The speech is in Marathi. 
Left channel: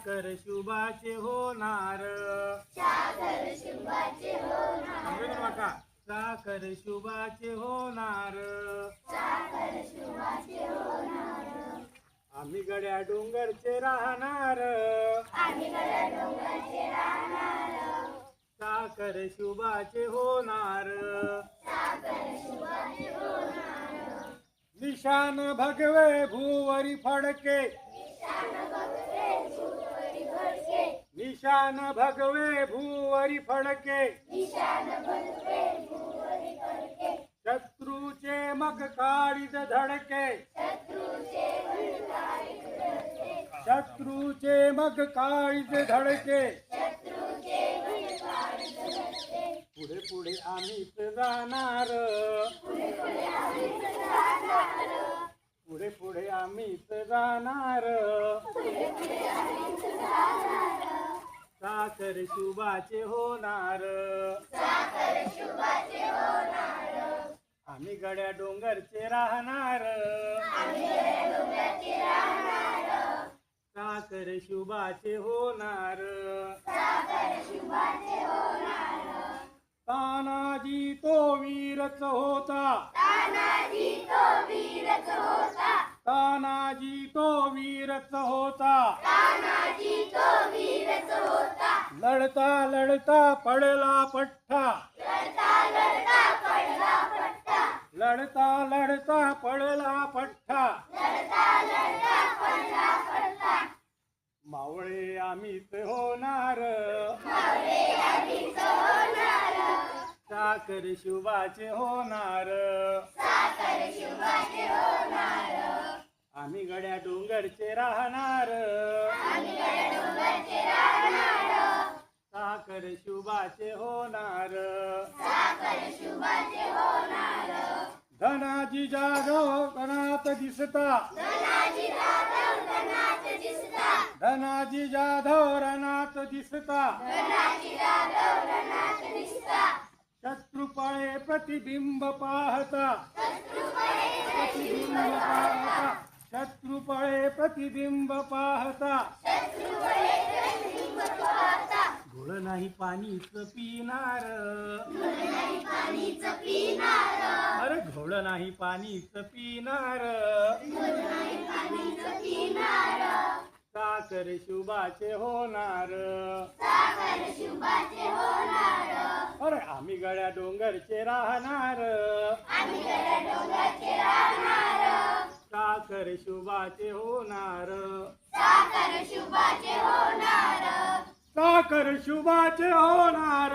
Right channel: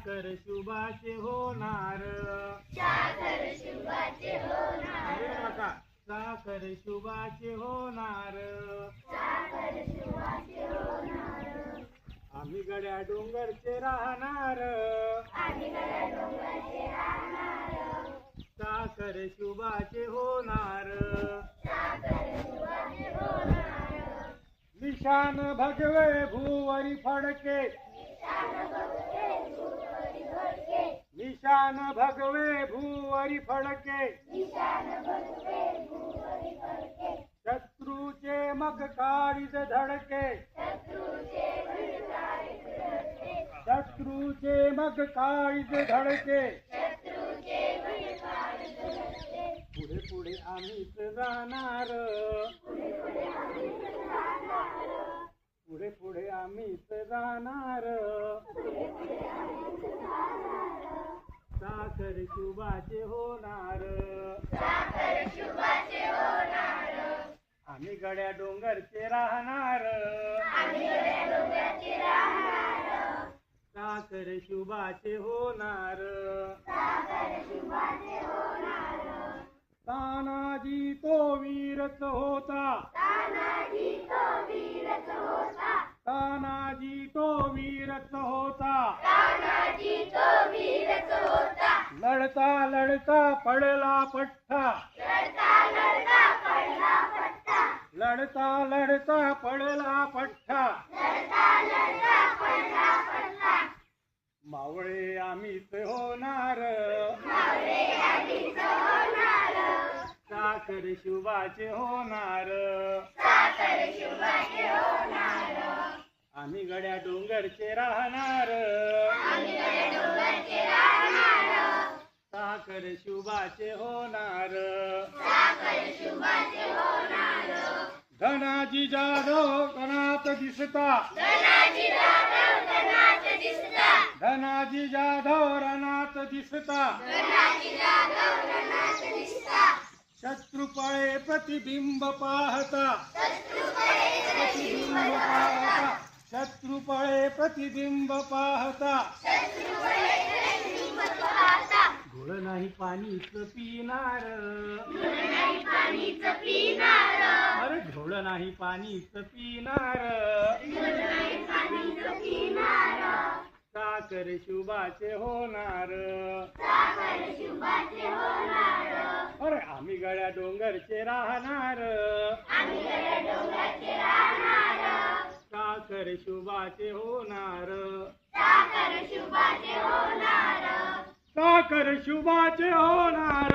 साखर शुभाचे होणार साखर शुभाचे होणार आम्ही गड्या डोंगरचे राहणार साखर शुभाचे होणार निशान भगवे भूवरी फडके निशान भगवे भूवरी फडके शत्रूचे मग काळीज धडके शत्रूचे मग काळीज धडके पुढे पुढे आम्हीच जाणार पुढे पुढे आम्हीच जाणार साखर शुभाचे होणार आम्ही गड्या डोंगरचे राहणार साखर शुभाचे होणार तानाजी तो वीरच होता तानाजी तो वीरच होता लढता लढता पडला पठ्ठा लढता लढता पडला पठ्ठा मावळे आम्हीच होणार साखर शुभाचे होणार आम्ही गड्या डोंगरचे राहणार साखर शुभाचे होणार धनाजी जाधव रणात दिसता धनाजी जाधव रणात दिसता शत्रु पळे प्रतिबिंब पाहता शत्रु पळे प्रतिबिंब पाहता घोळ नाही पाणीच पिणार अरे घोळ नाही पाणीच पिणार साखर शुभाचे होणार अरे आम्ही गड्या डोंगरचे राहणार साखर शुभाचे होणार साखर शुभाचे होणार साखर शुभाचे होणार साखर शुभाचे होणार